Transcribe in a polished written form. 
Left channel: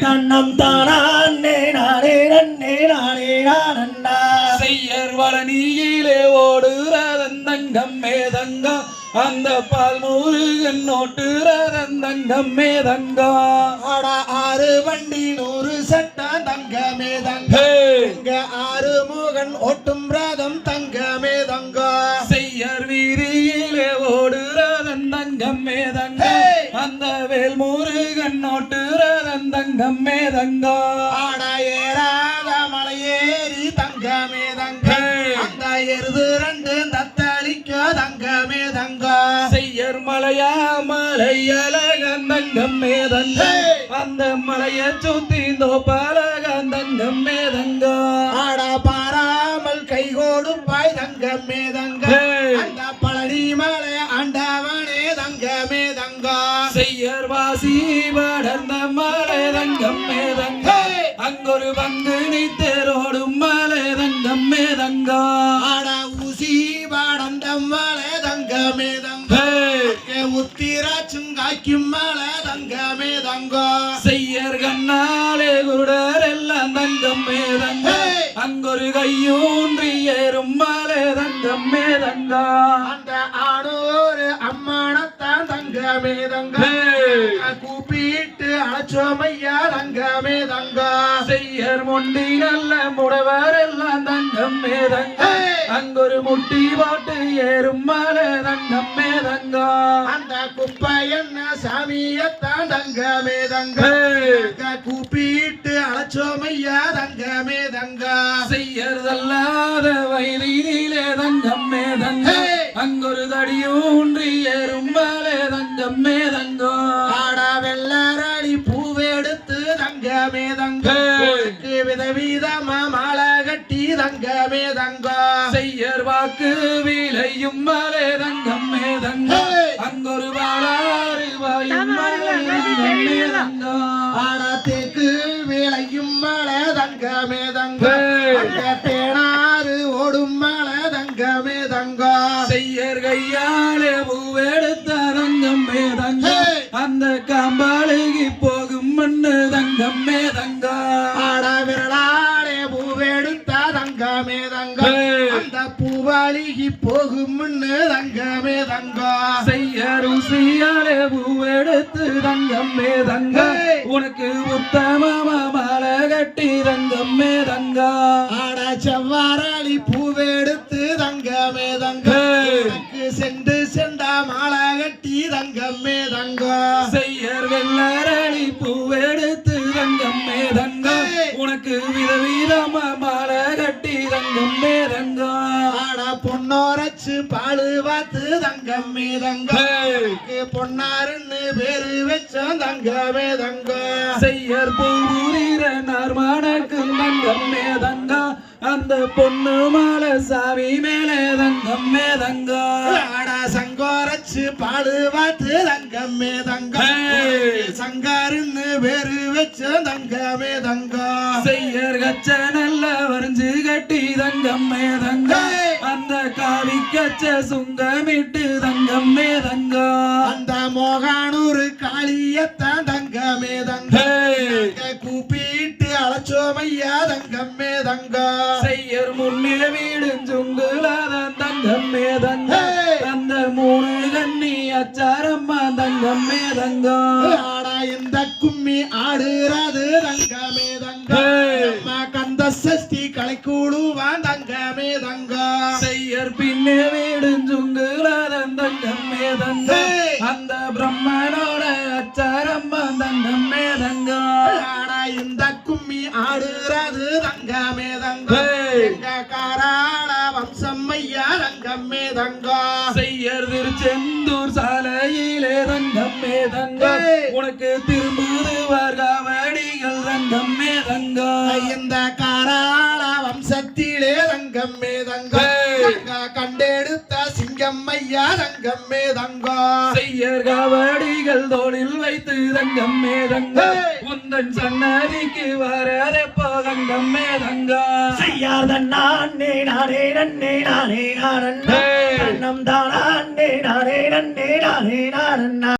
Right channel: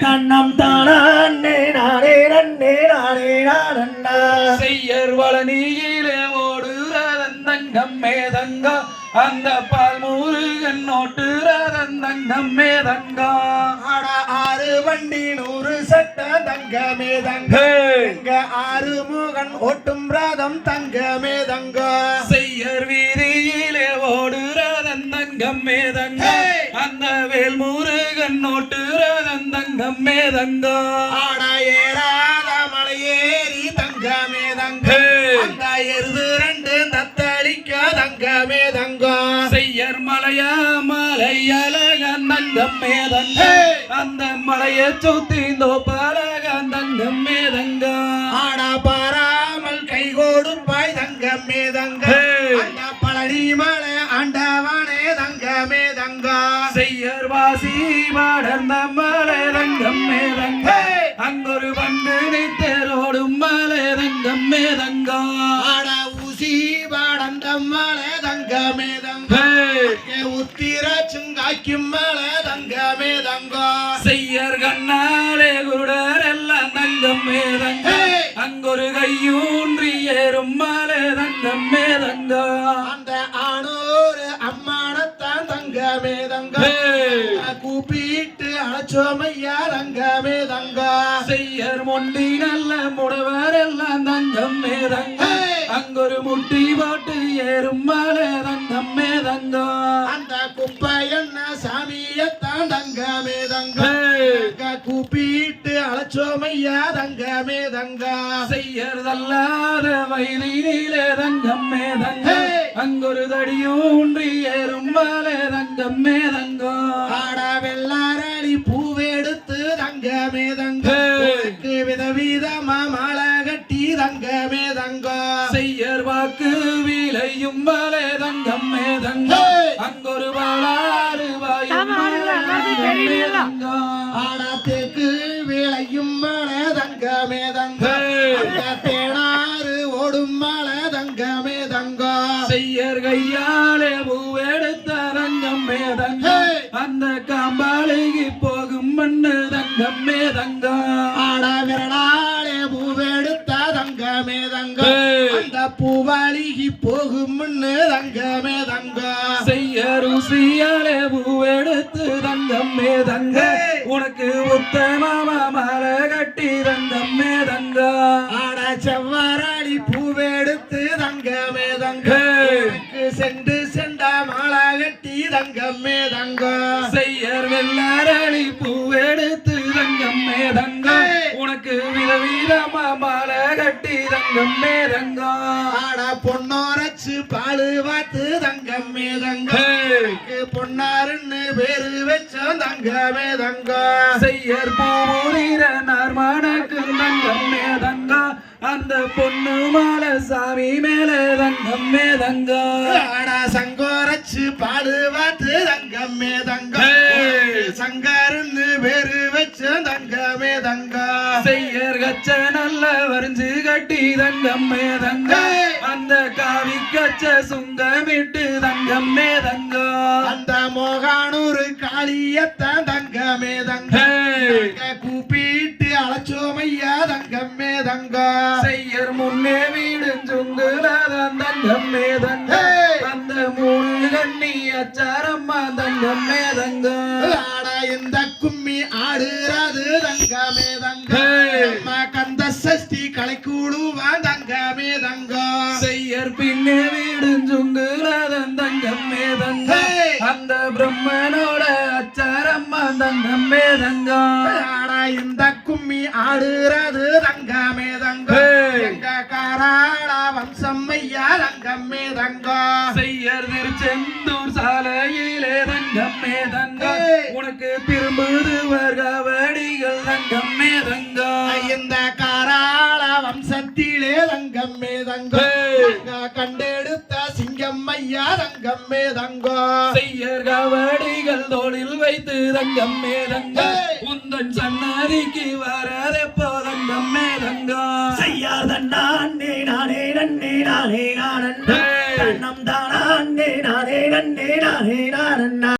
தன்னம் தானே நானே நன்னே நானே நானண்ணா செய்யர் வளனியிலே ஓடுறதந்தங்கம் மேதங்கா அந்த பால் முருகன் ஓட்டுறதந்தங்கம் மேதங்கா ஆறு வண்டி 100 சட்ட தங்க மேதங்கா இங்க ஆறு முகன் ஓட்டும் ரதம் தங்க மேதங்கா செய்யர் வீதியிலே ஓடுறதந்தங்கம் மேதங்கா அந்த வேல் முருகன் ஓட்டுறதந்தங்கம் மேதங்கா ஆட ஏறாத மலையேறி தங்க மேதங்கா அந்த எருது 2 தத்தளிக்க தங்க மேதங்கா செய்யர் மலையா மலையழகந்தங்கம் மேதங்கா அந்த மலையை சுத்தி பலகந்தங்கம் மேதங்கா ஆட பாராமல் கை கொடுப்பாய் தங்க மேதங்கா அந்த பழனி மலை ஆண்டவனே தங்க மேதங்கா செய்யர் வாசி வளர்ந்த மலை தங்கம் மேதங்கா அங்கொரு வந்து தேரோடும் மலை தங்கம் மேதங்கா ஆட ஊசி வளர்ந்த மலை தங்க மேதங்கா உத்திராச்சுங்காய்க்கும் மலை தங்க மேதங்கா செய்யர் கண்ணாலே குருடர் எல்லாம் தங்கம் மேதங்கா அங்கொரு கையூன்றி ஏறும் மலை தங்கம் மேதங்கா அந்த ஆணோரு அம்மானத்தான் தங்க மேதங்கா கூப்பிட்டு அழைச்சோமையா தங்க மேதங்கா செய்யர் மொண்டி நல்ல முடவர் எல்லாம் தங்கம் மேதங்கா அங்கொரு முட்டி போட்டு ஏறும் மலை தங்கம் மேதங்கா அந்த குப்பை என்ன சாமியத்தான் தங்க மேதங்கா கூப்பிட்டு அழைச்சோமையா தங்க மேதங்கா செய்யறதல்லாத வயலிலே தங்கம் மேதங்கா அங்கொரு தடியூன்றி ஏறும் மலை தங்கம் மேதங்கா ஆட வெள்ளாரடி பூவெடுத்து தங்க மேதங்கா விதவிதமா மாலை கட்டி தங்க மேதங்கா செய்யர் வாக்கு விளையும் மலை தங்கம் மேதங்கா அங்கொரு வாழாறு வாயும் மலை தங்கம் மேதங்கா ஆட தேக்கு விளையும் மலை தங்க மேதங்கா தேனாறு ஓடும் மலை தங்க மேதங்கா செய்யர் கையாலே பூவெடுத்த தங்கம் மேதங்கா அந்த காம்பாளிக்கு போகும் மண்ணு தங்கம் மேதங்கா ஆட விரலாலே பூவெடுத்த தங்க மேதங்கா அந்த பூவாளிக்கு போகும் முன்னு தங்க மேதங்கா செய்யர் ருசியாலே பூவெடுத்து தங்கம் மேதங்கா உனக்கு உத்தமமா மாலை கட்டி தங்கம் மேதங்கா ஆட செவ்வாரளி பூவெடுத்து தங்க மேதங்கா சென்று செண்டா மாலை கட்டி தங்க மேதங்கா செய்யர் வெள்ளரளி பூவெடுத்து தங்கம் மேதங்கா உனக்கு விதவிதமா மாலை கட்டி தங்கம் மேதங்கா ஆட பொன்னோரச்சு பாலு வாத்து தங்க மேதங்கா பொன்னாருன்னு பேரு வச்சோம் தங்க மேதங்கா செய்யர் பூரீர நார்மானக்கு தங்கம் மேதங்கா அந்த பொண்ணு மாலை சாமி மேலே தங்கம் மேதங்கா ஆட சங்கோரச்சு பாலு வாத்து தங்க மேதங்கா சங்காருன்னு பேரு வச்சோம் தங்க மேதங்கா செய்யர் கச்ச நல்ல வரைஞ்சு கட்டி தங்கம் மேதங்கா அந்த காவி கச்ச சுங்கமிட்டு தங்கம் மேதங்கா அந்த மோகானூர் காளியத்தான் தங்க மேதங்கா கூப்பிட்டு அழைச்சோமையா தங்கம் மேதங்கா செய்யர் முன்னே வீடு சுங்குலாதான் தங்கம் மேதங்கா அந்த 3 கண்ணி அச்சாரம்மா தங்கம் மேதங்கா ஆட இந்த கும்மி ஆடுறது தங்க மேதங்கா கந்த சஷ்டி கலைக்கூடுவான் தங்க மேதங்கா செய்யர் பின்னே வீடு சுங்குலாதான் தங்கம் மேதங்கா அந்த பிரம்மனோட அச்சாரம்மா தங்கம் மேதங்கா ஆட இந்த கும்மி ஆடுறது தங்க மேதங்கா காராள வம்சம் ஐயா தங்க மேதங்கா செய்யர் திருச்செந்தூர் சாலையிலே தங்கம் மேதங்கா உனக்கு திரும்புது வடிகள் தங்கம் மேதங்கா இந்த காராள வம்சத்திலே தங்கம் மேதங்கா கண்டெடுத்த சிங்கம் ஐயா தங்கம் மேதங்கா செய்யர் கவடிகள் தோளில் வைத்து தங்கம் மேதங்கா உந்தன் சன்னதிக்கு வரதெப்போ தங்கம் மேதங்கா செய்யாத நானே நானே நன்னே நானே நானே தன்னம் தானே நானே நன்னே நானே நானே